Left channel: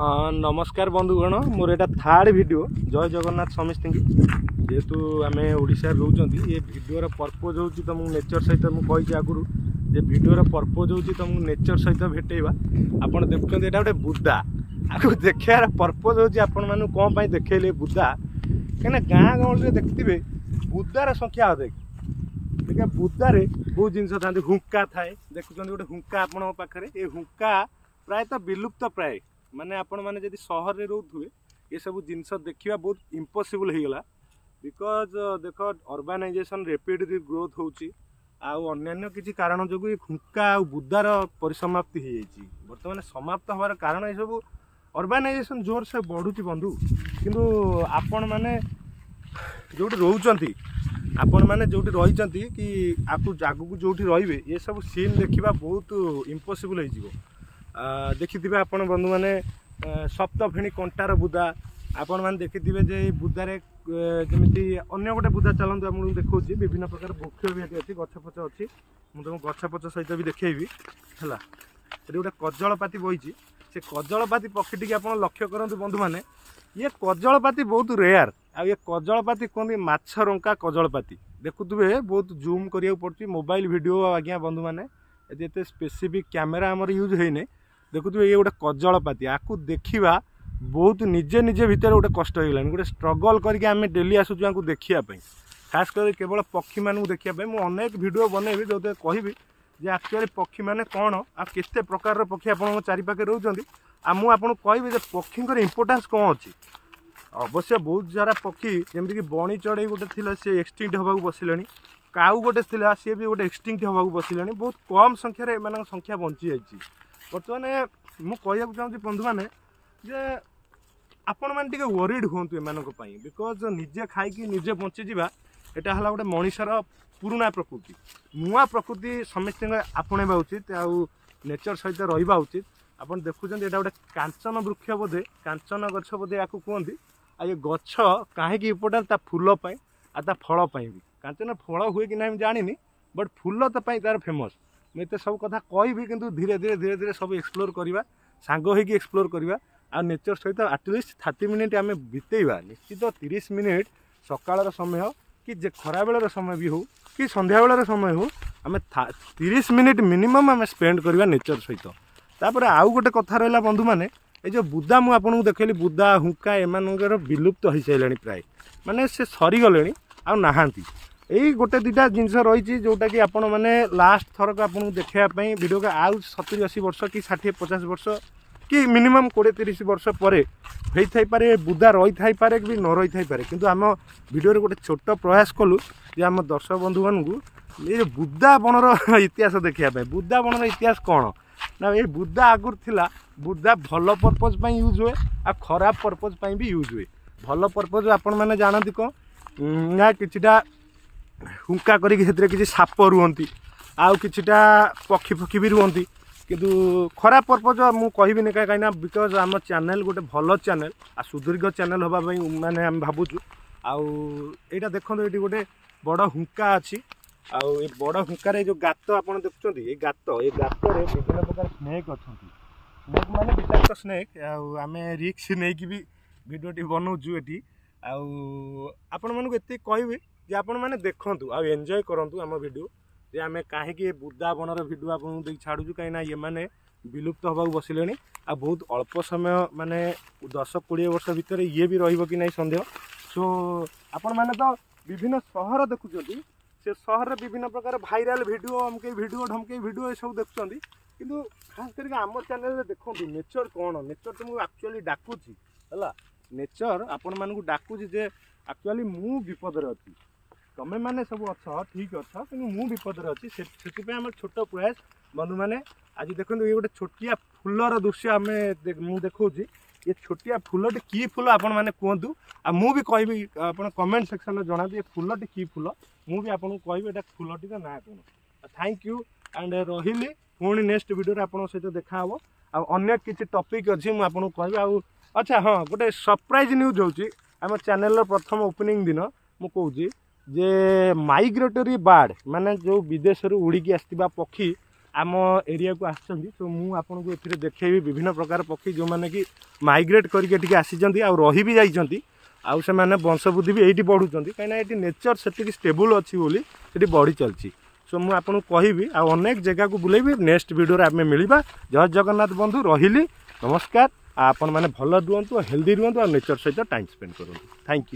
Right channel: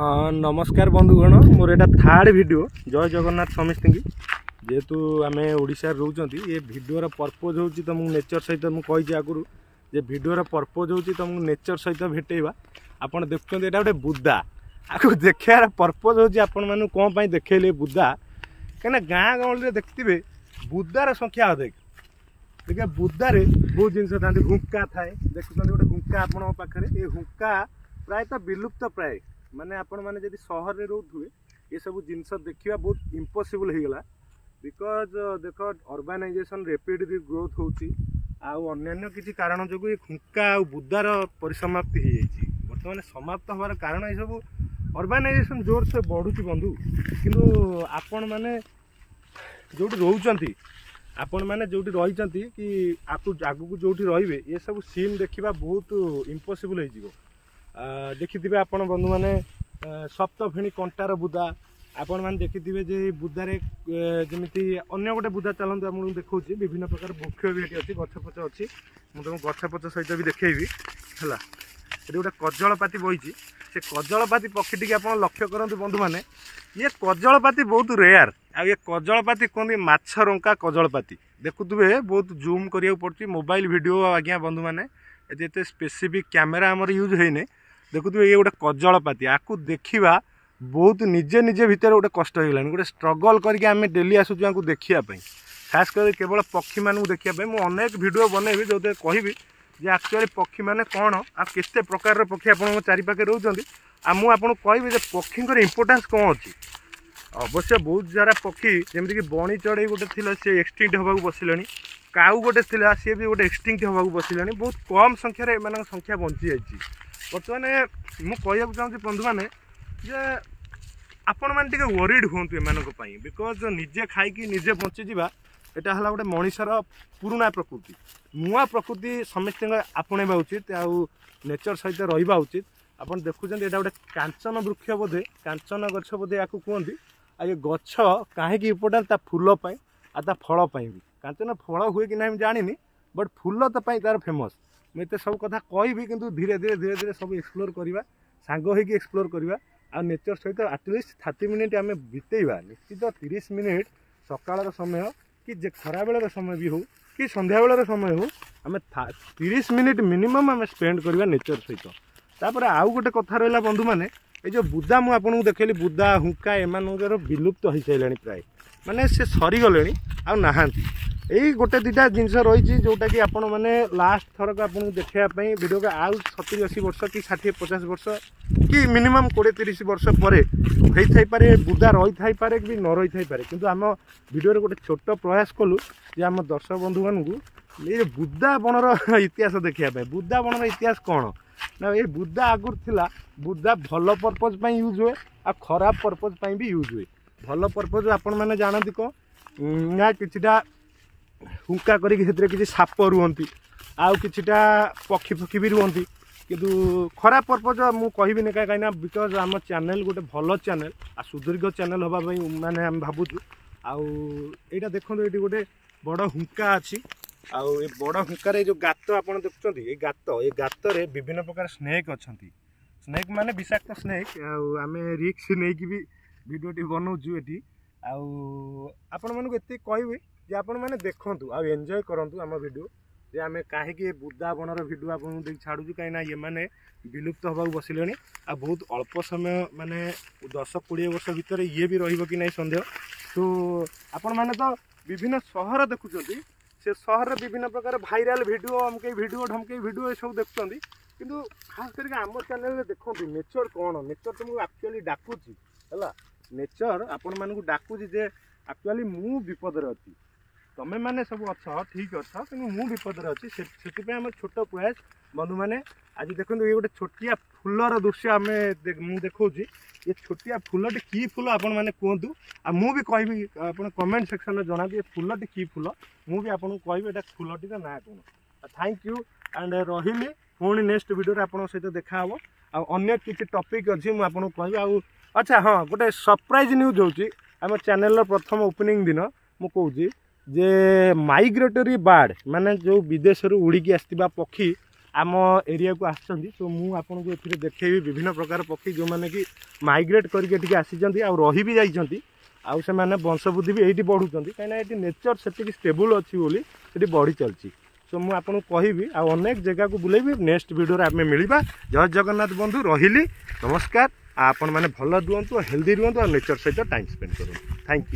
हाँ नमस्कार बंधुगण मोर एटा थर्ड वीडियो जय जगन्नाथ समस्त की जेहेतु आम ओडिशा रोचंती ये वीडियोर पर्पज हो तुमको नेचर सहित मुझे आगुरी जे वीडियोर पर्पज हो तुमको नेचर सहित भेटेवा आपड़ देखुं यहाँ गोटे बुदा आपको देखार पर्पज हो कौन देखले बुदा कहीं गाँ गहली देखिए बुदार संख्या अधिक देखिए बुदारे बहुत जिन था हुक्का थाए देखुं गोटे हुक्का आपण पाखे ये हुक्का प्रायतः विलुप्त प्राय माने आपण माने जदि सहर रे रोथुए ये सब जिनस देखा बहुत इम्पॉसिबल हो गला बिकॉज देख अर्बानाइजेशन रैपिडली ग्रोथ होची अन्य किसी कारण जो हुक्का आ बुदार परिसमाप्ति हो जाती बर्तमान समाप्त हमार कारण ये सब अर्बानाइजेशन जोर से बढ़ुची बंधु किंतु आपण माने जोटी रोचंती आपण माने जोटी रही कि आगू जोटी रहिबे ये सब सीन देखा बहुत इम्पॉसिबल हो देखिथिबे आपण बंधु माने सप्तफेणी कंटार बुदा आपण माने देखिथिबे जे बुदारे जेमिति अन्य गोटे बुदा चलंतु आपन देखौछि विभिन्न प्रकार वृक्ष भी एठी अछि गछपछ अछि मु तुम गछपछ सहित भी देखैबी हला एठी गोटे कजलपाती बहिछि से कजलपाती पक्षी टी आपण लक्ष्य करंतु बंधु माने ये कजलपाती बहुत रेयर आ ये कजलपाती कहते माछरंका कजलपाती देखुथिबे बहुत जूम करिया पड़छि मोबाइल वीडियो आज्ञा बंधु माने एते स्पेसिफिक कैमेरा हमर यूज होइने देखुए ये गोटे कजलपाती आपको देखा बहुत निजे निजे भितर गोटे कष्ट हो गलानी गोटे स्ट्रगल करके आम डेली आसुचु आपको देखापी खास कर केवल पक्षी मानू देखापी मुझे अनेक वीडियो बनैबी जो कहबी जे एक्चुअली पक्षी माने कौन आ केते प्रकार पक्षी आप चारिपाखे रोचंती आ मु आपको कहबी पक्षी इंपोर्टेंस कौन अच्छी अवश्य बहुत सारा पक्षी जमीक बणी चढ़ई गोटे थी सी एक्सटिंक्ट होगा बसिले काऊ गोटे थी सी भी गोटे एक्सटिंक्ट होगा बसिले बहुत कम संख्यार एम संख्या बंची जाइए बर्तमान मुझे चाहूँगी बंधु मैंने जे आपण मैंने वरीड हूँ एम बिकज निजे खाई निजे बंचीजा यहाँ है गोटे मनीषर पुराणा प्रकृति नुआ प्रकृति समस्त आपणा उचित आउ नेचर सहित रहा उचित आप देखुं यहाँ गोटे कांचन वृक्ष बोधे कांचन गछ बोधे या कहते आ ये गछ कहीं इम्पोर्टाट ता फूल आ ता फल भी कांचन फल हुए कि ना जानी बट फूल तो तार फेमस मुझे सब कथा कहबी कि धीरे धीरे सब एक्सप्लोर करवा सांग होगी एक्सप्लोर करवा आ नेचर सहित एटलिस्ट 30 मिनिट आम बितेवा निश्चित 30 मिनिट सकाल समय कि खरा बेलर समय भी हो कि संध्या बेलर समय हो आम 30 मिनिट मिनिमम आम स्पेंड करवा नेचर सहित तापर आउ गोटे कथा रहा बंधु मैंने ये जो बुदा मुझे देखली बुदा हुक्का एमानकर विलुप्त हो सारे प्राय माने से सरीगले आ नहांती यही गोटे दुटा जिनस रही जोटा कि आपण मैंने लास्ट थरक आपको देखापी वीडियो के आउ 70-80 वर्ष कि 60-50 वर्ष कि मिनिमम 20-30 वर्ष पर होता पारे बुदा रही थाई पारे कि न रही थाई पारे किंतु आम वीडियो गोटे छोट प्रयास कलु जे आम दर्शक बंधु मानू ये बुदा बनर इतिहास देखापी बुदा बनर इतिहास कौन ना ये बुदा आगुर थिला बुदा भल पर्पज यूज हुए आ खराब पर्पज भी यूज हुए भल पर्पज आपण मैंने जानती कौन ना किछिटा हुंका करी साप रुहंती आउ किछिटा पक्षी पक्षी भी रुहंती किंतु खराब पर्पज मु कहबी कहीं बिकज आम चैनल गोटे भल चैनल आ सुदीर्घ चैनल होगा माने आम भावुँ आईटा देखो ये गोटे बड़ हुंका अच्छी आउ ये बड़ हुंकार जो गात आप देखुं ये गातर विभिन्न प्रकार स्नेक अच्छा स्नेक माने विषाक्त स्नेक आम रिक्स नहीं भी भिडियो बनाऊँ ये आपण मानक एत कहबी जे आपण मैंने देखूँ आ एंजॉय करूँ आम वीडियो जे आम कहीं बुदा बनर वीडियो आपको छाड़ू कहीं ये मैंने विलुप्त होगा बसिले आ बहुत अल्प समय माने 10-20 वर्ष भितर ये भी रही कि नहीं सन्देह सो आपण मैंने तो विभिन्न सहर देखुं से सहर विभिन्न प्रकार भाइराल वीडियो अमके वीडियो ढमके वीडियो ये सब देखुं किंतु खास करके आम चैनल देखो नेचर कौन नेचर तो मुझे एक्चुअली डाकुची है नेचर आपण मानक डाकुची जे एक्चुअली मु विपद अच्छी तमें मैंने सब अच्छा ठीक अच्छा कि मु विपद अच्छी से आम छोट प्रयास बंधु मैंने आज देखो ये गोटे छोटिया फूलर दृश्य आम मुझे देखा ये छोटिया फूलटी की फूल आपण मैंने कहतु आ मु भी कहबी आप कमेंट सेक्शन में जनाबी ये फूलटी की फूल मु भी आपको कहबी एटा फूलटी ना कौन थैंक यू एंड रही पुणी नेक्स्ट वीडियो आप सहित देखा हे अन्य किसी टॉपिक अच्छी मुझे आपको कहबी आ अच्छा हाँ गोटे सरप्राइज न्यूज होची आम चैनल प्रथम ओपनिंग दिन मु कहूँ जे माइग्रेटरी बार्ड माने जो विदेश उड़िकी आसथिबा पक्षी आम एरिया को आसछंती तो मु आपनको एथिरे देखैबी विभिन्न प्रकार पक्षी जो माने कि माइग्रेट करके आसीचंती आ रही भी जाइचंती आउ से माने वंशवृद्धि भी एठी बढ़ुचंती काइना एठी नेचर सेटिक स्टेबल अछि बोली एठी बढ़ी चलची सो मु आपनको कहबी आ अनेक जगह को बुलेबी नेक्स्ट वीडियो रे आमे मिलिबा। जय जगन्नाथ बंधु रहिली नमस्कार। आपण माने भल रुहंतु हेल्दी रुहंतु और नेचर सहित टाइम स्पेंड करंतु। Thank you.